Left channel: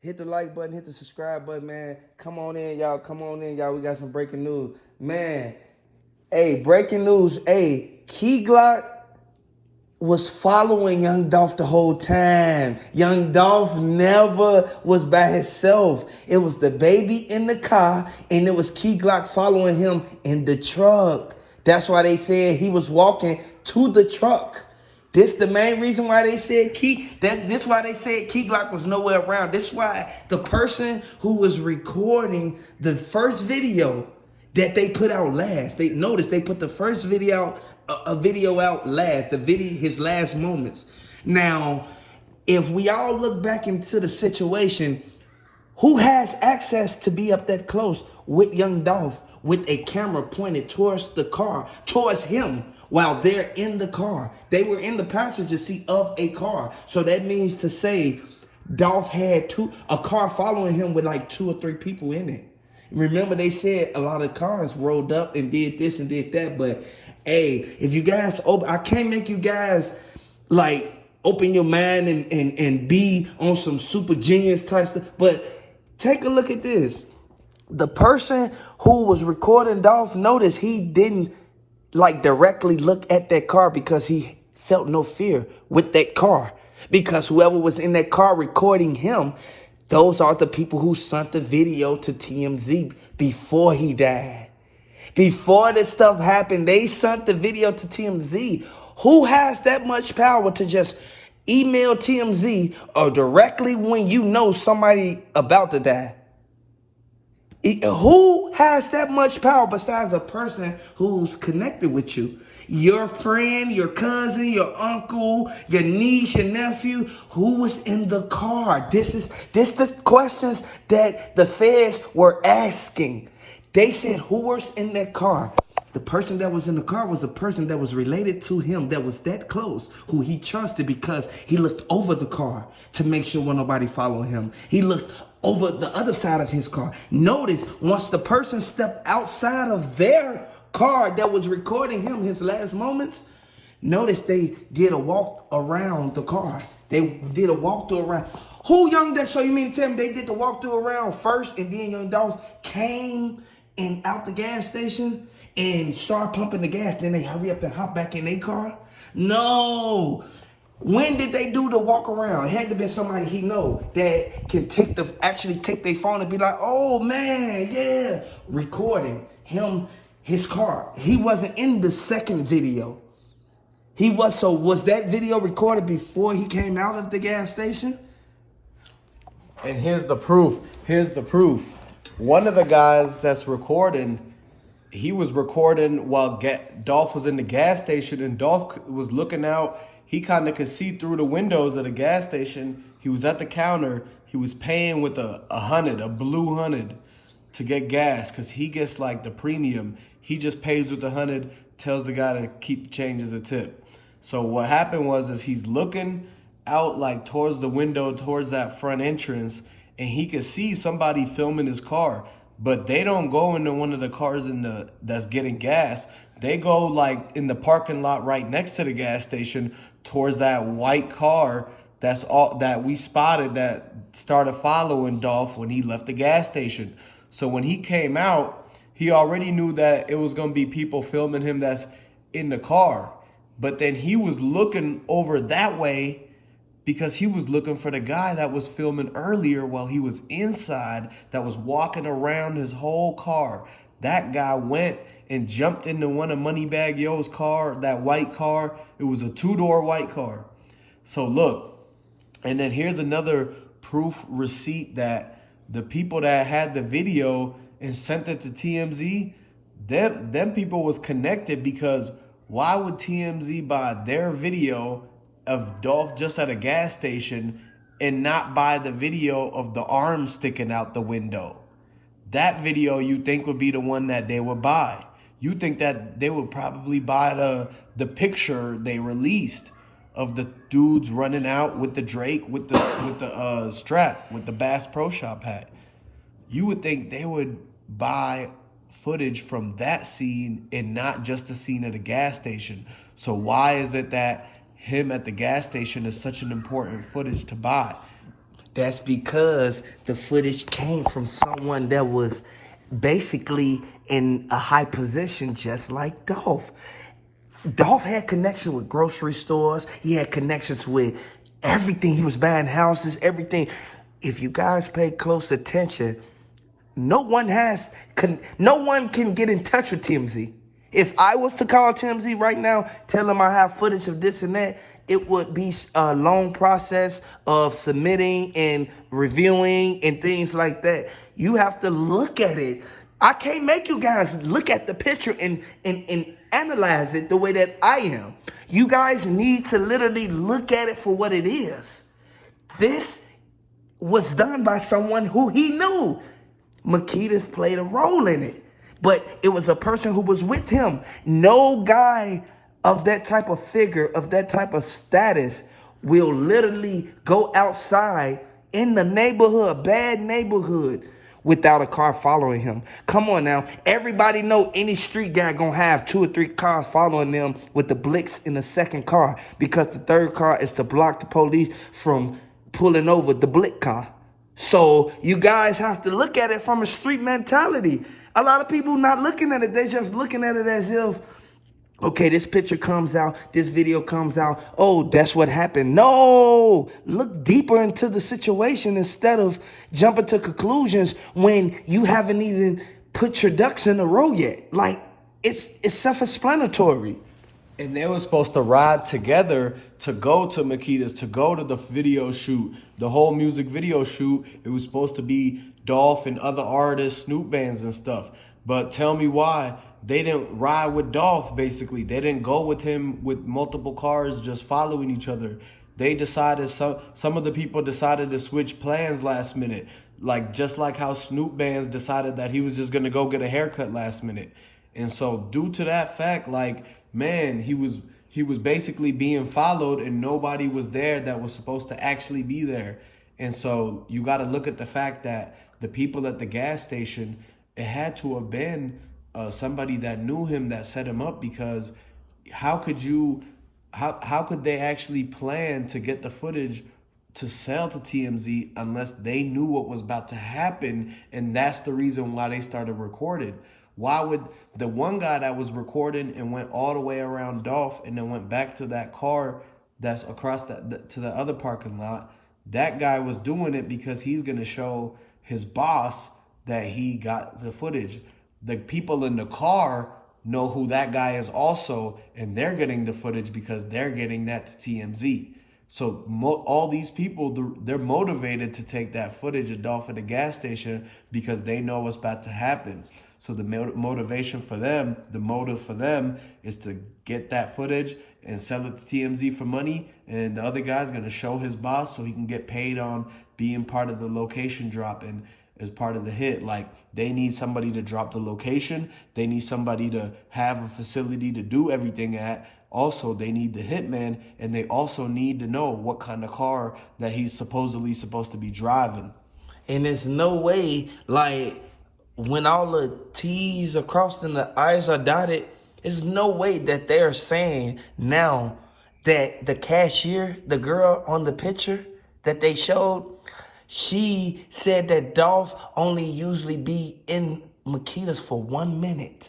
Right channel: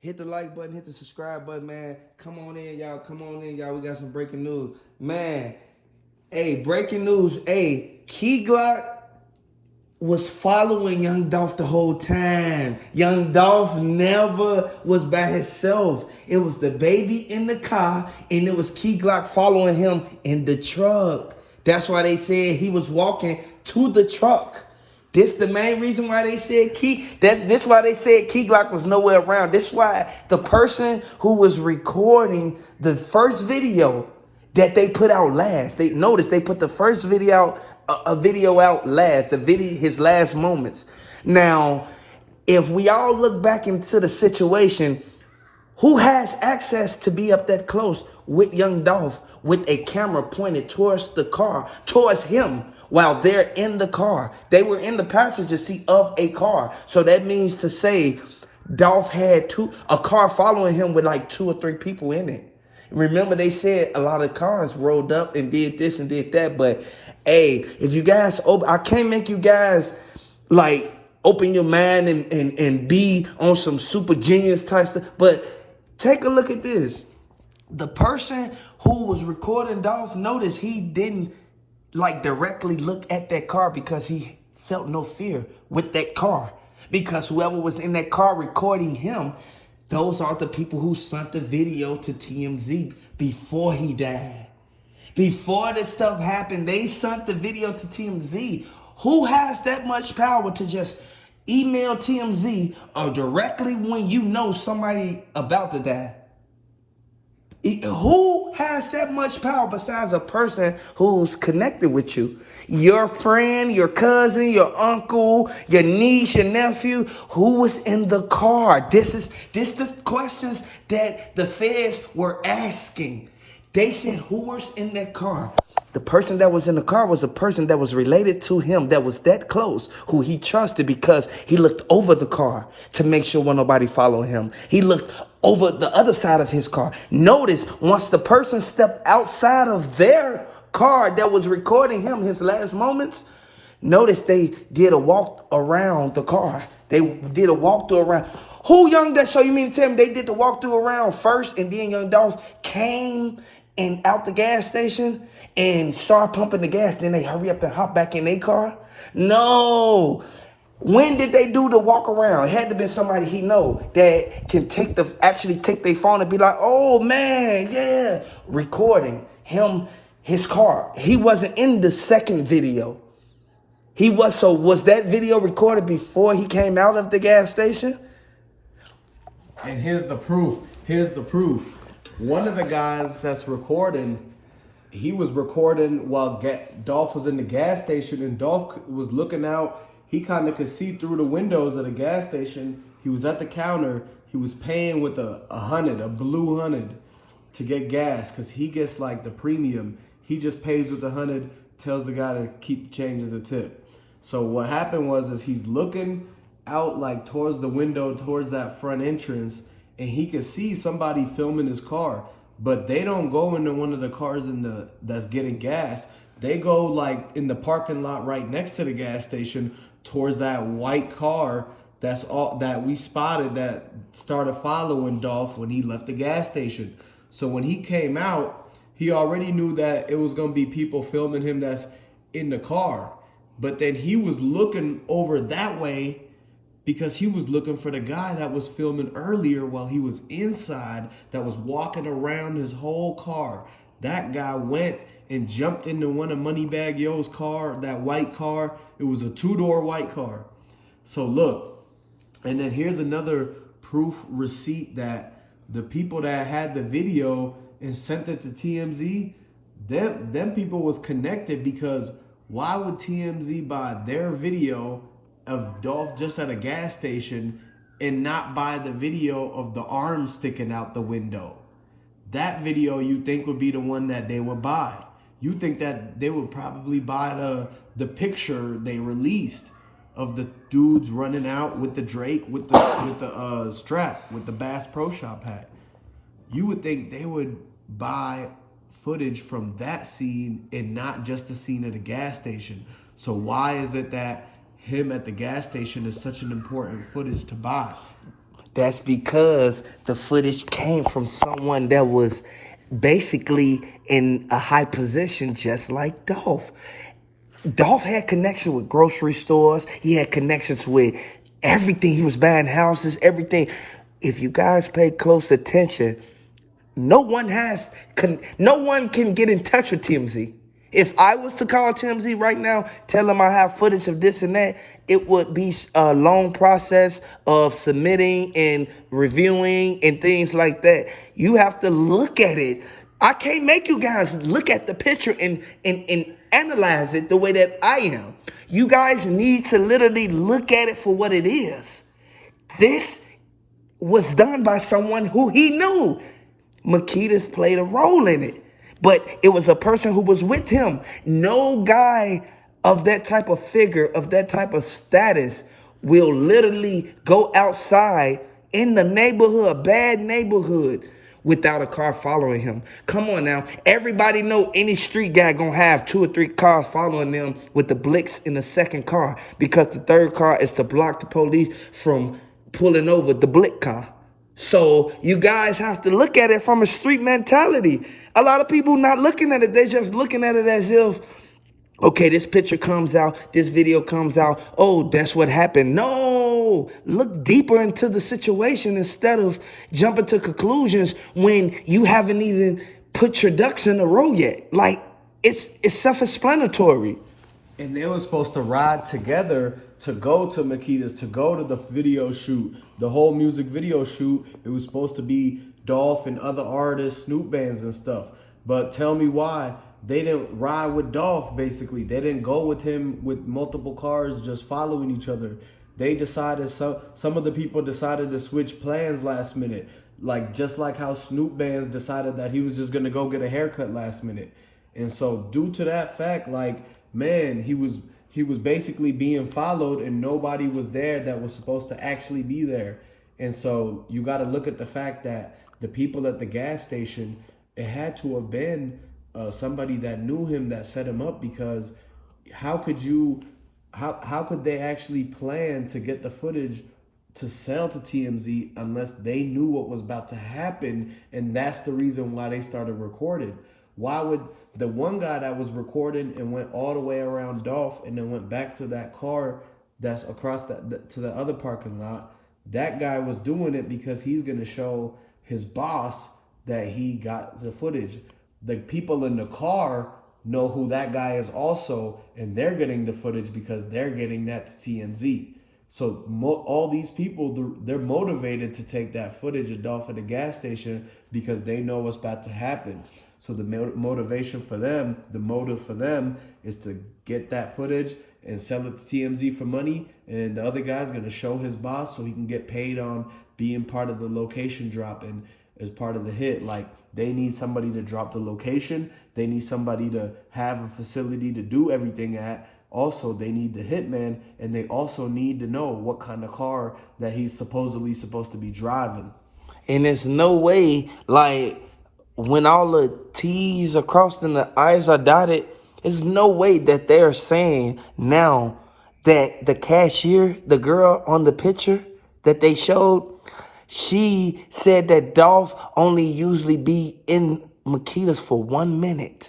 Hit the like button, hit the subscribe button, man. Come on in, y'all. Come on in, y'all. We got some breaking news. Man, hey, breaking news. Hey, Keyglock was following Young Dolph the whole time. Young Dolph never was by himself. It was the baby in the car, and it was Keyglock following him in the truck. That's why they said he was walking to the truck. This the main reason why they said this why they said Key Glock was nowhere around. This why the person who was recording the first video that they put out last. They noticed they put the first video out, a video out last, his last moments. Now, if we all look back into the situation, who has access to be up that close with Young Dolph with a camera pointed towards the car, towards him while they're in the car? They were in the passenger seat of a car. So that means to say Dolph had a car following him with like 2 or 3 people in it. Remember they said a lot of cars rolled up and did this and did that. But hey, if you guys, I can't make you guys like open your mind and be on some super genius type stuff. But take a look at this. The person who was recording Dolph, notice he didn't like directly look at that car because he felt no fear with that car. Because whoever was in that car recording him, those are the people who sent the video to TMZ before he died. Before this stuff happened, they sent the video to TMZ. Who has that much power to just email TMZ or directly when you know somebody about to die? Who has that much power besides a person who's connected with you? Your friend, your cousin, your uncle, your niece, your nephew, who was in the car? This the questions that the feds were asking. They said, who was in that car? The person that was in the car was a person that was related to him, that was that close, who he trusted because he looked over the car to make sure nobody followed him. He looked over the other side of his car. Notice, once the person stepped outside of their car that was recording him, his last moments, notice they did a walk around the car. They did a walkthrough around. Who Young Dolph? So you mean to tell me they did the walkthrough around first and then Young Dolph came and out the gas station and started pumping the gas, then they hurry up and hop back in their car? No. When did they do the walk around? It had to be somebody he know that can actually take their phone and be like, oh man, yeah, recording him, his car. He wasn't in the second video. Was that video recorded before he came out of the gas station? And here's the proof. One of the guys that's recording, he was recording while Dolph was in the gas station, and Dolph was looking out. He kind of could see through the windows of the gas station. He was at the counter. He was paying with a blue 100 to get gas because he gets like the premium. He just pays with the 100, tells the guy to keep the change as a tip. So what happened is he's looking out like towards the window, towards that front entrance, and he could see somebody filming his car. But they don't go into one of the cars that's getting gas. They go like in the parking lot right next to the gas station towards that white car that we spotted that started following Dolph when he left the gas station. So when he came out, he already knew that it was going to be people filming him that's in the car. But then he was looking over that way because he was looking for the guy that was filming earlier while he was inside, that was walking around his whole car. That guy went and jumped into one of Moneybagyo's car, that white car. It was a 2-door white car. So look, and then here's another proof receipt that the people that had the video and sent it to TMZ, them people was connected, because why would TMZ buy their video of Dolph just at a gas station and not buy the video of the arm sticking out the window? That video you think would be the one that they would buy. You think that they would probably buy the picture they released of the dudes running out with the Drake, with the strap, with the Bass Pro Shop hat. You would think they would buy footage from that scene and not just the scene at a gas station. So why is it that him at the gas station is such an important footage to buy? That's because the footage came from someone that was basically in a high position, just like Dolph. Dolph had connections with grocery stores. He had connections with everything. He was buying houses, everything. If you guys pay close attention, no one can get in touch with TMZ. If I was to call TMZ right now, tell them I have footage of this and that, it would be a long process of submitting and reviewing and things like that. You have to look at it. I can't make you guys look at the picture and analyze it the way that I am. You guys need to literally look at it for what it is. This was done by someone who he knew. Makedas played a role in it, but it was a person who was with him. No guy of that type of figure, of that type of status, will literally go outside in the neighborhood, bad neighborhood, without a car following him. Come on now. Everybody know any street guy gonna have 2 or 3 cars following them with the Blix in the second car, because the third car is to block the police from pulling over the Blac car. So you guys have to look at it from a street mentality. A lot of people not looking at it. They're just looking at it as if, okay, this picture comes out, this video comes out, oh, that's what happened. No, look deeper into the situation instead of jumping to conclusions when you haven't even put your ducks in a row yet. Like, it's self-explanatory. And they were supposed to ride together to go to Makedas, to go to the video shoot, the whole music video shoot. It was supposed to be Dolph and other artists, Snoop bands and stuff. But tell me why they didn't ride with Dolph, basically. They didn't go with him with multiple cars just following each other. They decided, some of the people decided to switch plans last minute. Like, just like how Snoop bands decided that he was just going to go get a haircut last minute. And so due to that fact, like, man, he was basically being followed and nobody was there that was supposed to actually be there. And so you got to look at the fact that the people at the gas station, it had to have been somebody that knew him that set him up, because how could they actually plan to get the footage to sell to TMZ unless they knew what was about to happen? And that's the reason why they started recording. Why would the one guy that was recording and went all the way around Dolph and then went back to that car that's across to the other parking lot, that guy was doing it because he's going to show his boss that he got the footage. The people in the car know who that guy is also, and they're getting the footage because they're getting that to TMZ. So all these people, they're motivated to take that footage of Dolph at the gas station because they know what's about to happen. So the motivation for them, the motive for them is to get that footage and sell it to TMZ for money. And the other guy's going to show his boss so he can get paid on being part of the location drop and as part of the hit. Like, they need somebody to drop the location. They need somebody to have a facility to do everything at. Also, they need the hitman, and they also need to know what kind of car that he's supposedly supposed to be driving. And there's no way, like, when all the T's are crossed and the I's are dotted, there's no way that they're saying now that the cashier, the girl on the picture that they showed, she said that Dolph only usually be in Makedas for 1 minute.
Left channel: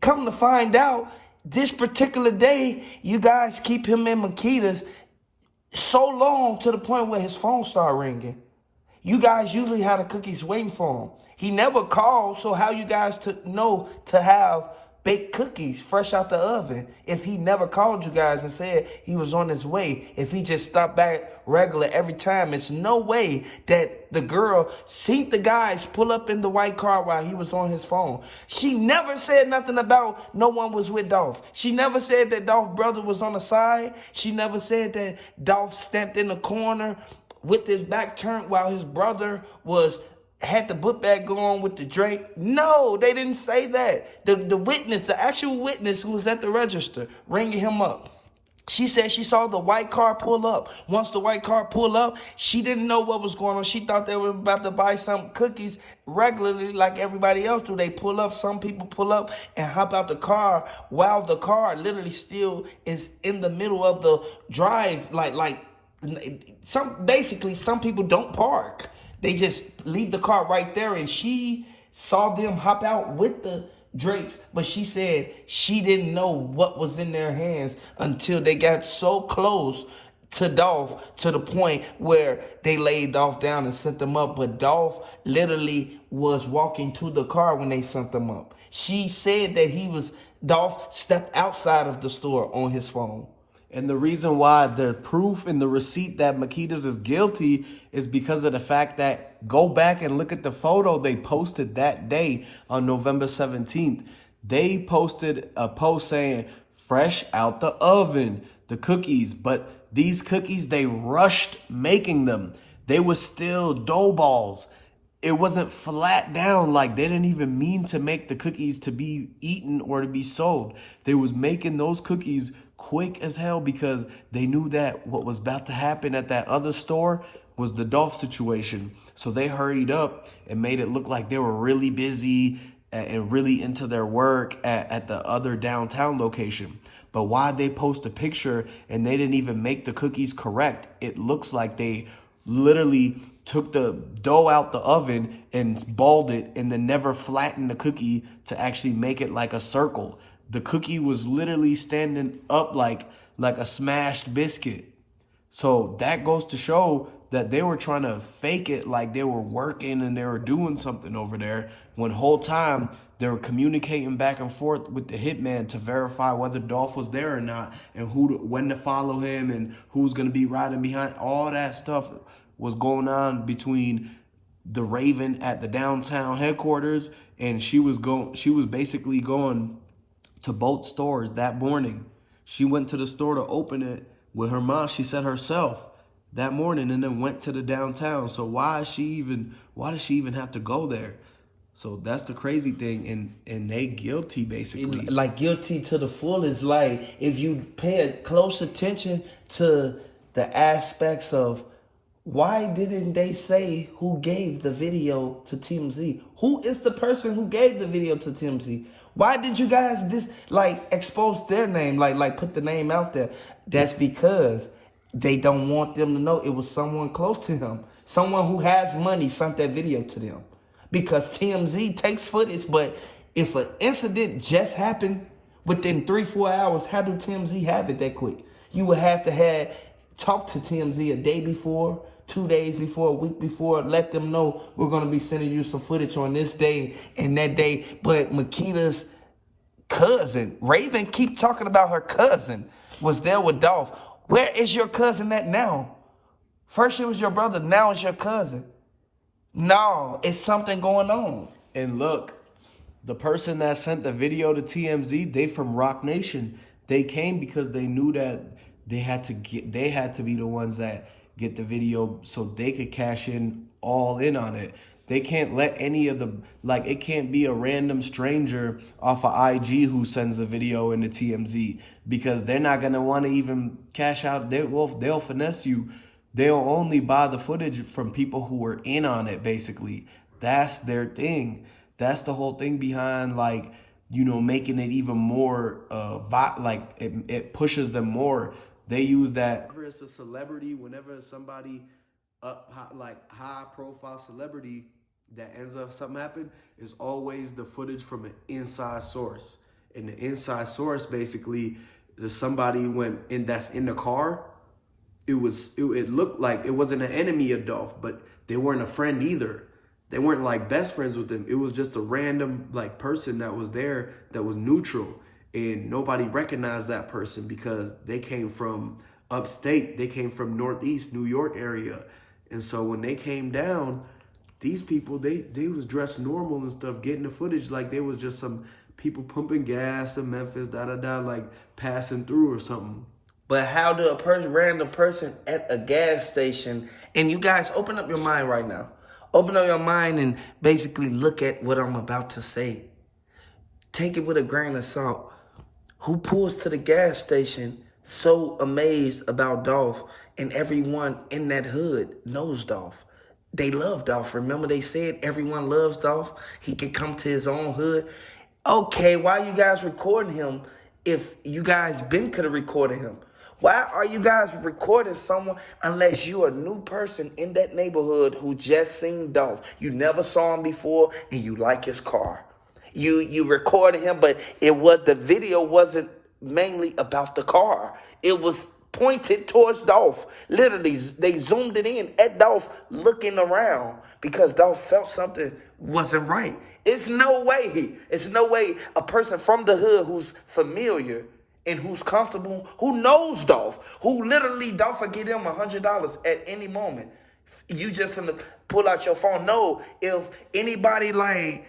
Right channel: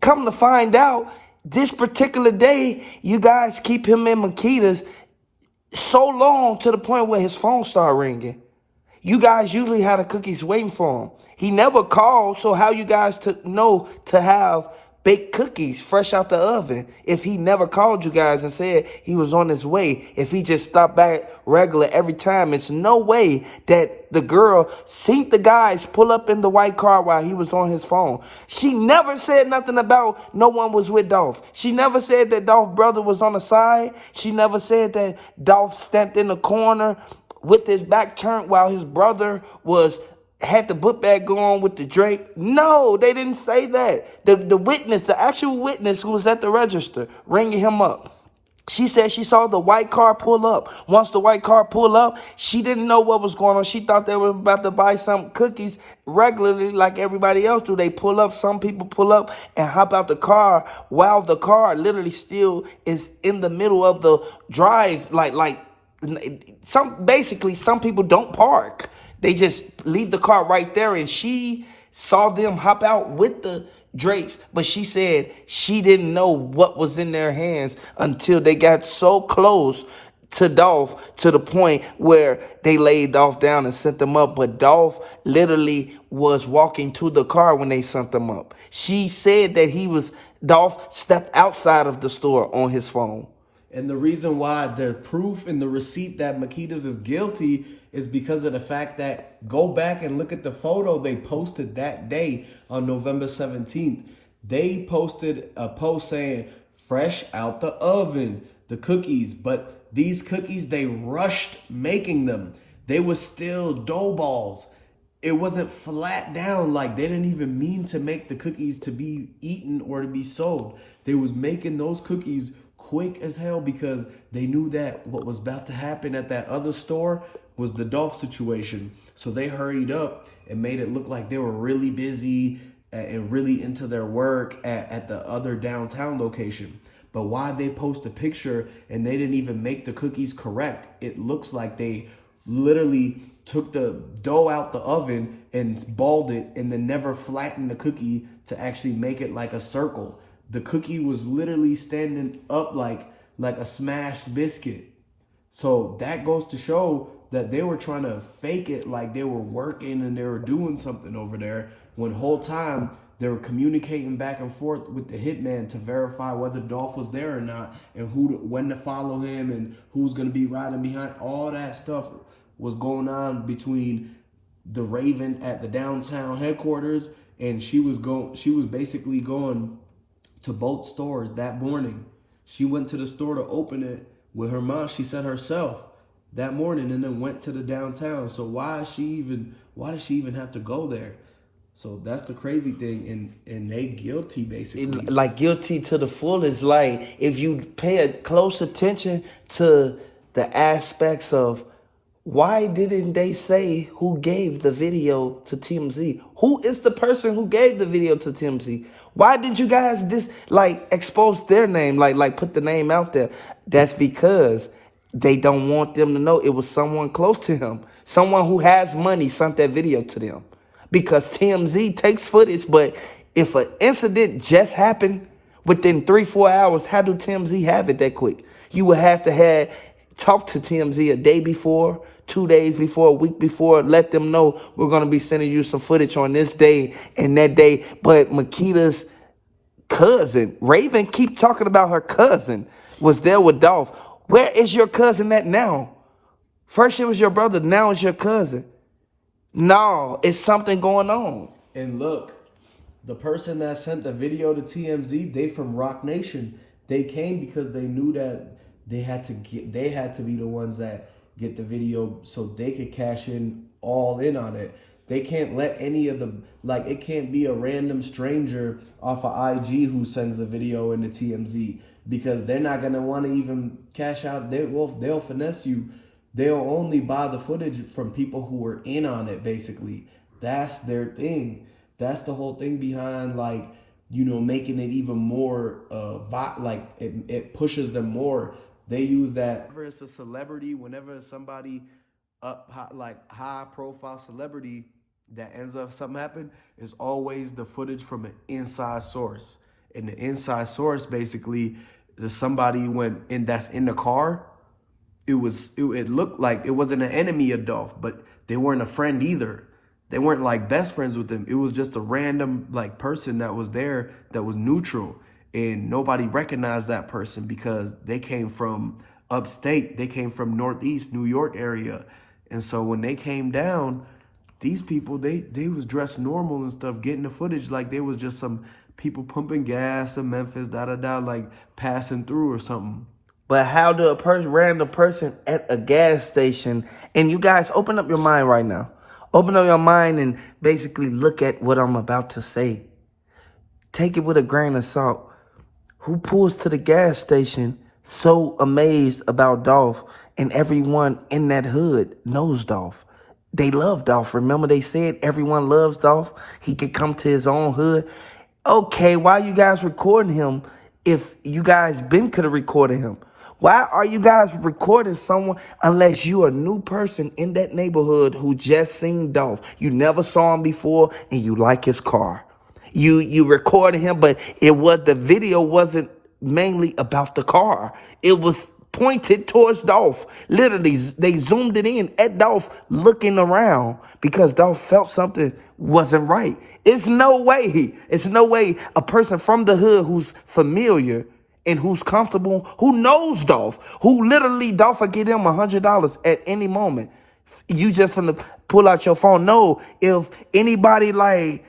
Come to find out, this particular day, you guys keep him in Makedas so long to the point where his phone started ringing. You guys usually had the cookies waiting for him. He never called, so how you guys know to have baked cookies fresh out the oven if he never called you guys and said he was on his way? If he just stopped back regular every time, it's no way that the girl seen the guys pull up in the white car while he was on his phone. She never said nothing about no one was with Dolph. She never said that Dolph's brother was on the side. She never said that Dolph stepped in the corner with his back turned while his brother had the book bag going with the drink. No, they didn't say that. The witness, the actual witness who was at the register ringing him up, she said she saw the white car pull up. Once the white car pulled up, she didn't know what was going on. She thought they were about to buy some cookies regularly like everybody else do. They pull up, some people pull up and hop out the car while the car literally still is in the middle of the drive, like some people don't park. They just leave the car right there, and she saw them hop out with the drapes, but she said she didn't know what was in their hands until they got so close to Dolph, to the point where they laid Dolph down and sent them up. But Dolph literally was walking to the car when they sent them up. She said that Dolph stepped outside of the store on his phone. And the reason why the proof and the receipt that Makedas is guilty is because of the fact that, go back and look at the photo they posted that day on November 17th. They posted a post saying, fresh out the oven, the cookies. But these cookies, they rushed making them. They were still dough balls. It wasn't flat down. Like, they didn't even mean to make the cookies to be eaten or to be sold. They was making those cookies quick as hell because they knew that what was about to happen at that other store was the Dolph situation. So they hurried up and made it look like they were really busy and really into their work at the other downtown location. But why they post a picture and they didn't even make the cookies correct? It looks like they literally took the dough out the oven and balled it and then never flattened the cookie to actually make it like a circle. The cookie was literally standing up like a smashed biscuit. So that goes to show that they were trying to fake it like they were working and they were doing something over there, when the whole time they were communicating back and forth with the hitman to verify whether Dolph was there or not, and when to follow him and who's going to be riding behind. All that stuff was going on between the Raven at the downtown headquarters, and she was basically going to both stores that morning. She went to the store to open it with her mom, she said herself, that morning, and then went to the downtown. So why does she even have to go there? So that's the crazy thing, and they guilty basically. Like, guilty to the fullest. Like, if you pay close attention to the aspects of why didn't they say who gave the video to TMZ? Who is the person who gave the video to TMZ? Why did you guys expose their name, like put the name out there? That's because they don't want them to know it was someone close to him. Someone who has money sent that video to them. Because TMZ takes footage, but if an incident just happened within 3-4 hours, how do TMZ have it that quick? You would have to talk to TMZ a day before, 2 days before, a week before, let them know we're going to be sending you some footage on this day and that day. But Makeda's cousin, Raven, keep talking about her cousin, was there with Dolph. Where is your cousin at now? First it was your brother, now it's your cousin. No, it's something going on. And look, the person that sent the video to TMZ, they from Rock Nation. They came because they knew that they had to be the ones that get the video so they could cash in all in on it. They can't let any of it can't be a random stranger off of IG who sends the video into TMZ, because they're not going to want to even cash out. They'll finesse you. They'll only buy the footage from people who were in on it, basically. That's their thing. That's the whole thing behind, making it even more, it pushes them more. They use that. Whenever it's a celebrity, whenever it's somebody high profile celebrity that ends up something happen, is always the footage from an inside source. And the inside source basically is somebody that's in the car. It looked like it wasn't an enemy of Dolph, but they weren't a friend either. They weren't best friends with him. It was just a random person that was there that was neutral. And nobody recognized that person because they came from upstate. They came from Northeast New York area. And so when they came down, these people, they was dressed normal and stuff, getting the footage like they was just some people pumping gas in Memphis, passing through or something. But how do a random person at a gas station, and you guys open up your mind right now. Open up your mind and basically look at what I'm about to say. Take it with a grain of salt. Who pulls to the gas station so amazed about Dolph, and everyone in that hood knows Dolph? They love Dolph. Remember they said everyone loves Dolph? He could come to his own hood. Okay, why you guys recording him if you guys could have recorded him? Why are you guys recording someone unless you're a new person in that neighborhood who just seen Dolph? You never saw him before and you like his car. You recorded him, but the video wasn't mainly about the car. It was pointed towards Dolph. Literally, they zoomed it in at Dolph looking around because Dolph felt something wasn't right. It's no way a person from the hood who's familiar and who's comfortable, who knows Dolph, who literally Dolph will get him $100 at any moment. You just finna pull out your phone. No, if anybody like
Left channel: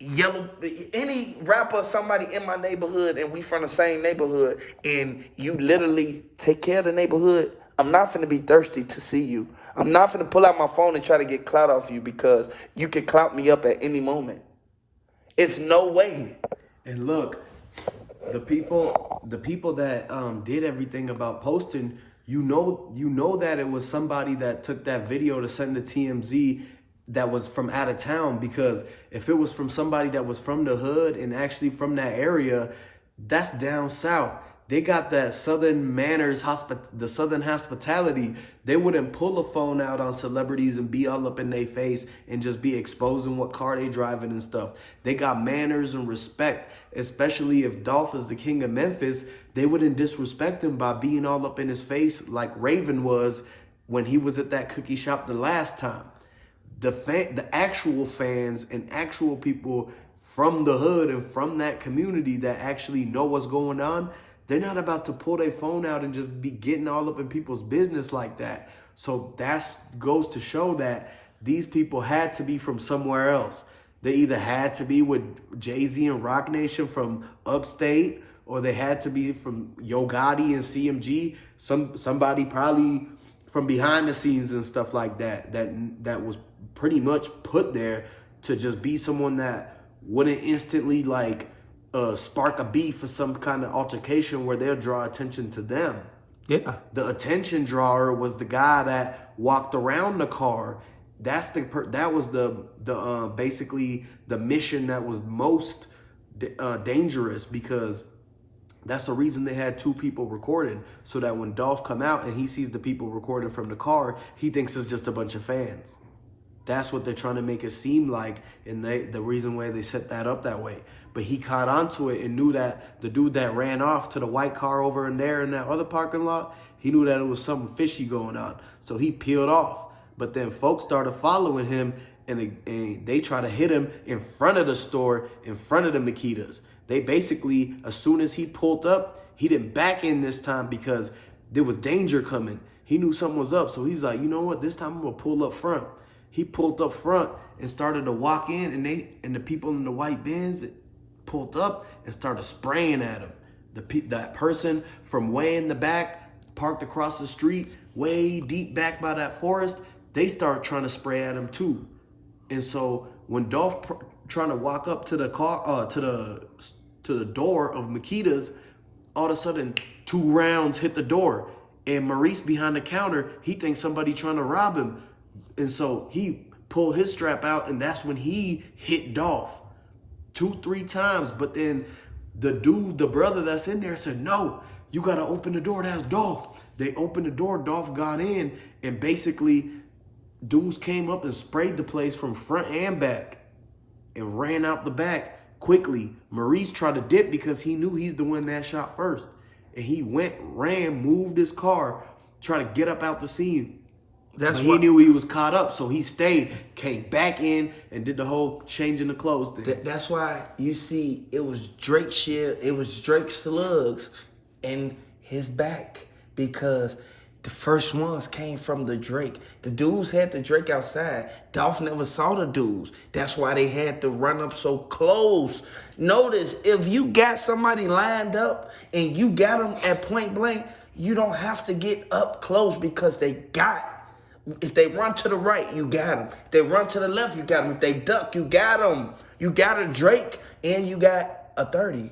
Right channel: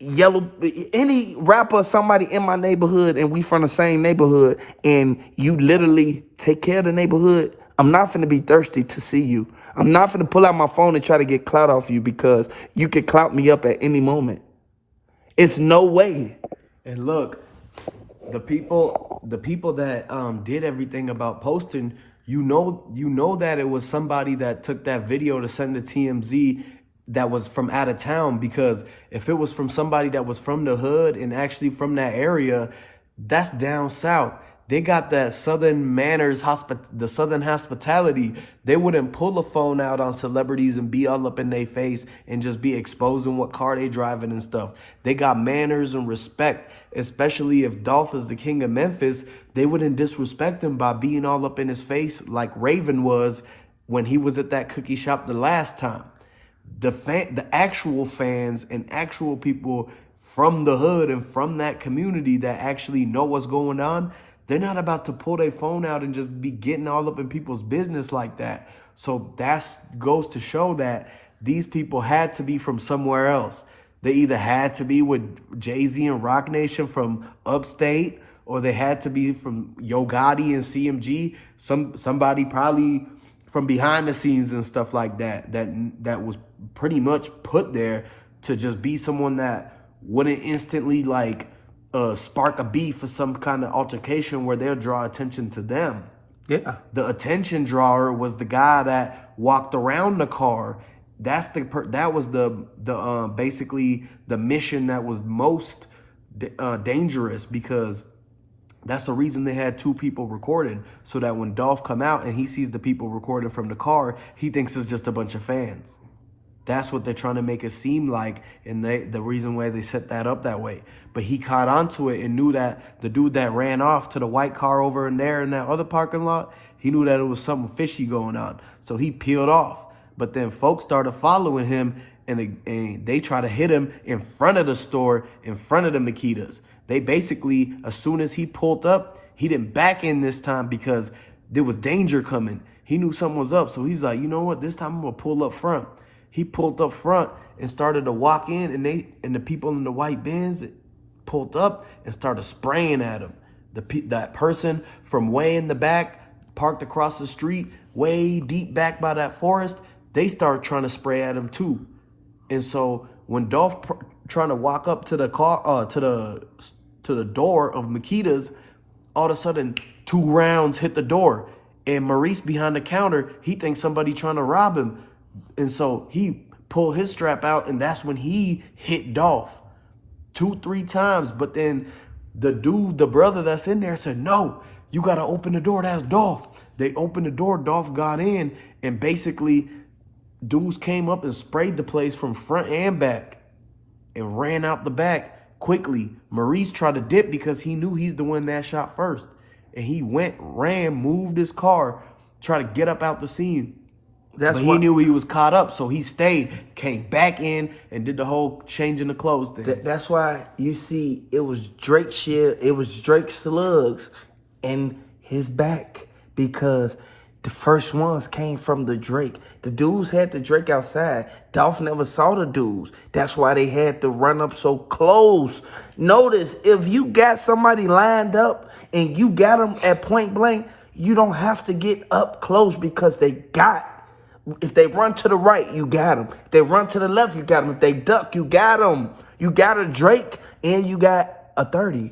any rapper, somebody in my neighborhood, and we from the same neighborhood, and you literally take care of the neighborhood, I'm not finna be thirsty to see you. I'm not finna pull out my phone and try to get clout off you because you can clout me up at any moment. It's no way. And look, the people that did everything about posting, you know that it was somebody that took that video to send to TMZ that was from out of town, because if it was from somebody that was from the hood and actually from that area, that's down south. They got that southern manners, the southern hospitality. They wouldn't pull a phone out on celebrities and be all up in their face and just be exposing what car they driving and stuff. They got manners and respect, especially if Dolph is the king of Memphis. They wouldn't disrespect him by being all up in his face like Raven was when he was at that cookie shop the last time. The actual fans and actual people from the hood and from that community that actually know what's going on, they're not about to pull their phone out and just be getting all up in people's business like that. So that goes to show that these people had to be from somewhere else. They either had to be with Jay-Z and Rock Nation from upstate, or they had to be from Yo Gotti and CMG. Somebody probably from behind the scenes and stuff like that was pretty much put there to just be someone that wouldn't instantly spark a beef or some kind of altercation where they'll draw attention to them. Yeah. The attention drawer was the guy that walked around the car. That was the basically the mission that was most dangerous, because that's the reason they had two people recording, so that when Dolph come out and he sees the people recording from the car, he thinks it's just a bunch of fans. That's what they're trying to make it seem like, and the reason why they set that up that way. But he caught onto it and knew that the dude that ran off to the white car over in there in that other parking lot, he knew that it was something fishy going on. So he peeled off. But then folks started following him, and they try to hit him in front of the store, in front of the Makedas. They basically, as soon as he pulled up, he didn't back in this time because there was danger coming. He knew something was up, so he's like, you know what, this time I'm gonna pull up front. He pulled up front and started to walk in, and the people in the white Benz pulled up and started spraying at him. That person from way in the back, parked across the street, way deep back by that forest, they started trying to spray at him too. And so when Dolph trying to walk up to the car, to the door of Makedas, all of a sudden 2 rounds hit the door, and Maurice behind the counter, he thinks somebody trying to rob him, and so he pulled his strap out, and that's when he hit Dolph 2-3 times. But then the brother that's in there said, "No, you gotta open the door. That's Dolph." They opened the door. Dolph got in, and basically dudes came up and sprayed the place from front and back and ran out the back quickly. Maurice tried to dip because he knew he's the one that shot first. And he ran, moved his car, tried to get up out the scene. He knew he was caught up, so he stayed, came back in, and did the whole changing the clothes thing. That's why you see it was Drake slugs in his back, because the first ones came from the Drake. The dudes had the Drake outside. Dolph never saw the dudes. That's why they had to run up so close. Notice, if you got somebody lined up and you got them at point blank, you don't have to get up close, because if they run to the right, you got them. If they run to the left, you got them. If they duck, you got them. You got a Drake and you got a 30.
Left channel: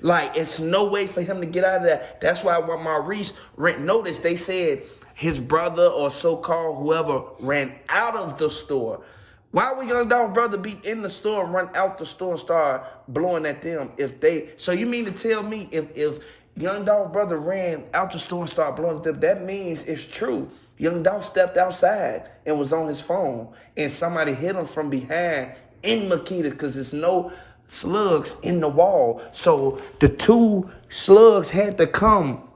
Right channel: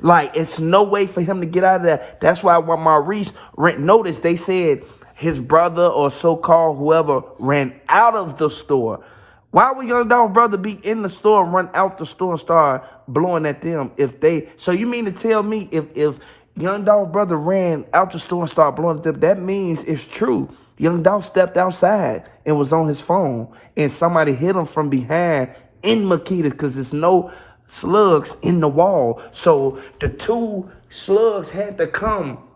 Like, it's no way for him to get out of that. That's why when Maurice noticed, they said his brother or so-called whoever ran out of the store. Why would Young Dolph brother be in the store and run out the store and start blowing at them? So you mean to tell me if Young Dolph brother ran out the store and started blowing it up. That means it's true. Young Dolph stepped outside and was on his phone, and somebody hit him from behind in Makedas because there's no slugs in the wall. So the two slugs had to come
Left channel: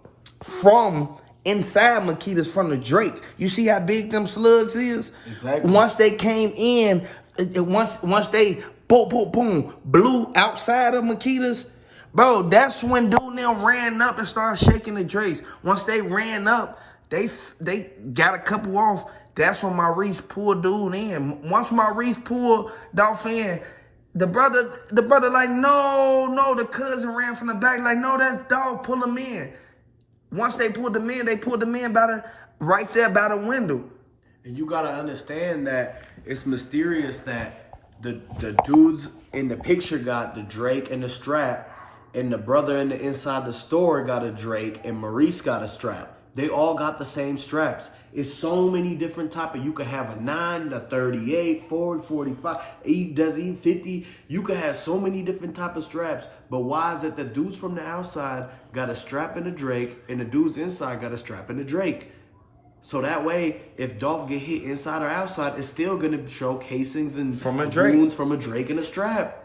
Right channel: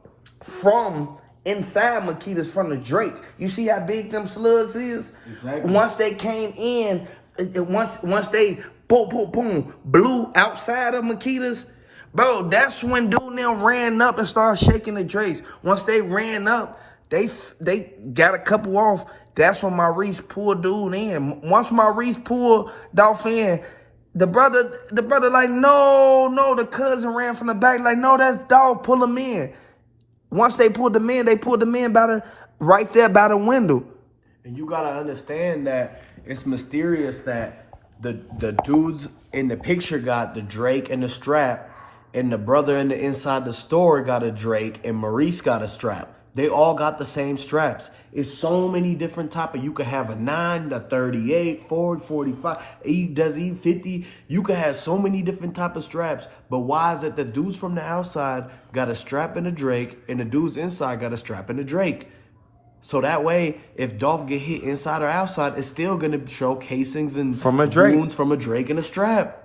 from inside Makedas from the Drake. You see how big them slugs is? Exactly. Once they came in, once they boom, boom, boom, blew outside of Makedas, bro, that's when dude and them ran up and started shaking the Drakes. Once they ran up, they got a couple off. That's when Maurice pulled dude in. Once Maurice pulled Dolph in, the brother like, no, the cousin ran from the back, like, no, that's Dolph, pull him in. Once they pulled him in right there by the window. And you gotta understand that it's mysterious that the dudes in the picture got the Drake and the strap, and the brother in the inside the store got a Drake, and Maurice got a strap. They all got the same straps. It's so many different type of, you could have a 9, a 38, forward 45, does even 50. You could have so many different type of straps. But why is it the dudes from the outside got a strap in the Drake and the dudes inside got a strap in the Drake? So that way, if Dolph get hit inside or outside, it's still gonna show casings and From a Drake. wounds from a Drake and a strap.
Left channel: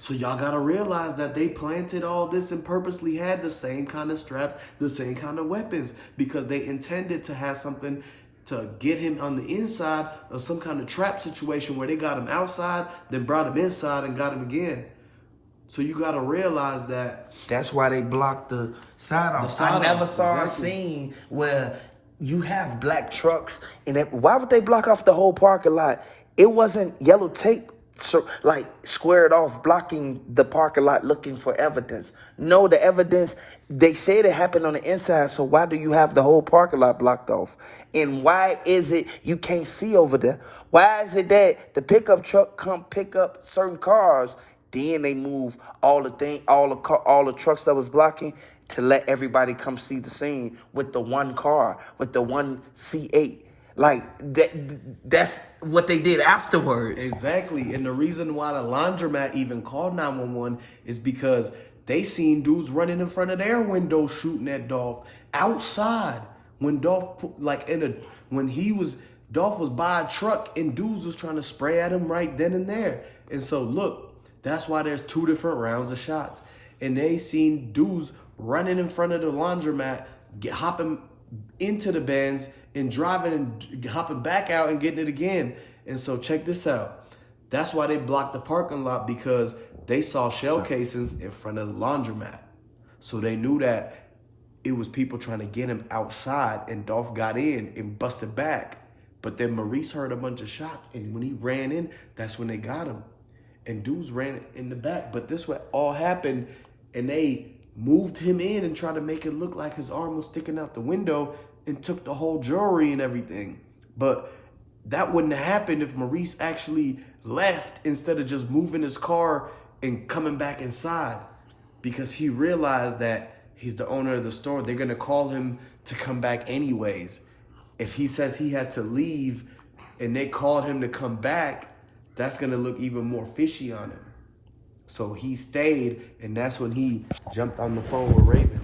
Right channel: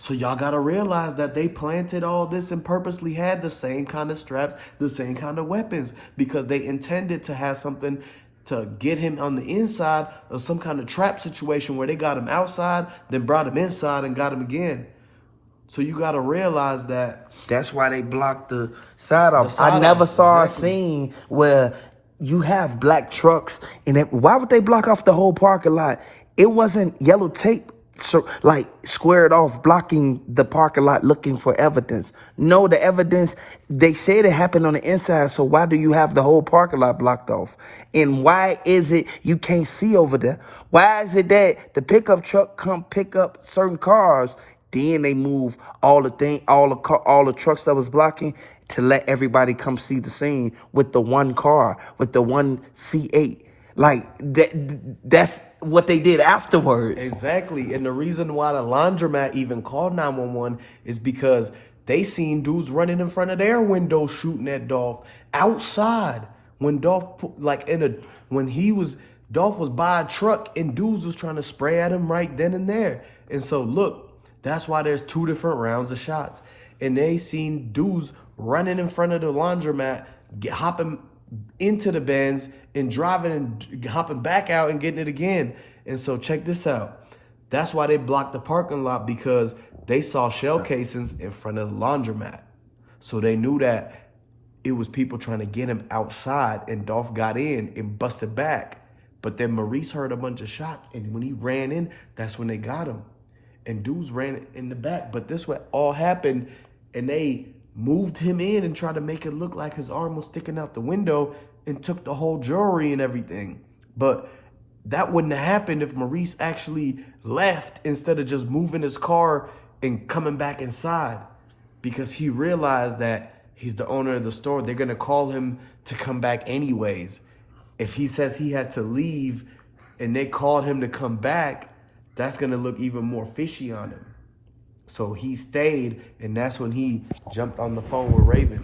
So y'all gotta realize that they planted all this and purposely had the same kind of straps, the same kind of weapons, because they intended to have something to get him on the inside of some kind of trap situation where they got him outside, then brought him inside and got him again. So you gotta realize that. That's why they blocked the side off. I never saw a scene where you have black trucks, and why would they block off the whole parking lot? It wasn't yellow tape, so like squared off, blocking the parking lot, looking for evidence. No, the evidence, they said it happened on the inside, so why do you have the whole parking lot blocked off? And why is it you can't see over there? Why is it that the pickup truck come pick up certain cars, then they move all the trucks that was blocking to let everybody come see the scene with the one car, with the one C8? Like, that's what they did afterwards. Exactly. And the reason why the laundromat even called 911 is because they seen dudes running in front of their window shooting at Dolph outside. When Dolph, Dolph was by a truck and dudes was trying to spray at him right then and there. And so, look, that's why there's 2 different rounds of shots. And they seen dudes running in front of the laundromat, hopping into the Benz and driving and hopping back out and getting it again. And so check this out. That's why they blocked the parking lot, because they saw shell casings in front of the laundromat. So they knew that it was people trying to get him outside, and Dolph got in and busted back. But then Maurice heard a bunch of shots, and when he ran in, that's when they got him. And dudes ran in the back. But this what all happened, and they moved him in and tried to make it look like his arm was sticking out the window and took the whole jewelry and everything. But that wouldn't have happened if Maurice actually left instead of just moving his car and coming back inside, because he realized that he's the owner of the store. They're going to call him to come back anyways. If he says he had to leave and they called him to come back, that's going to look even more fishy on him. So he stayed, and that's when he jumped on the phone with Raven.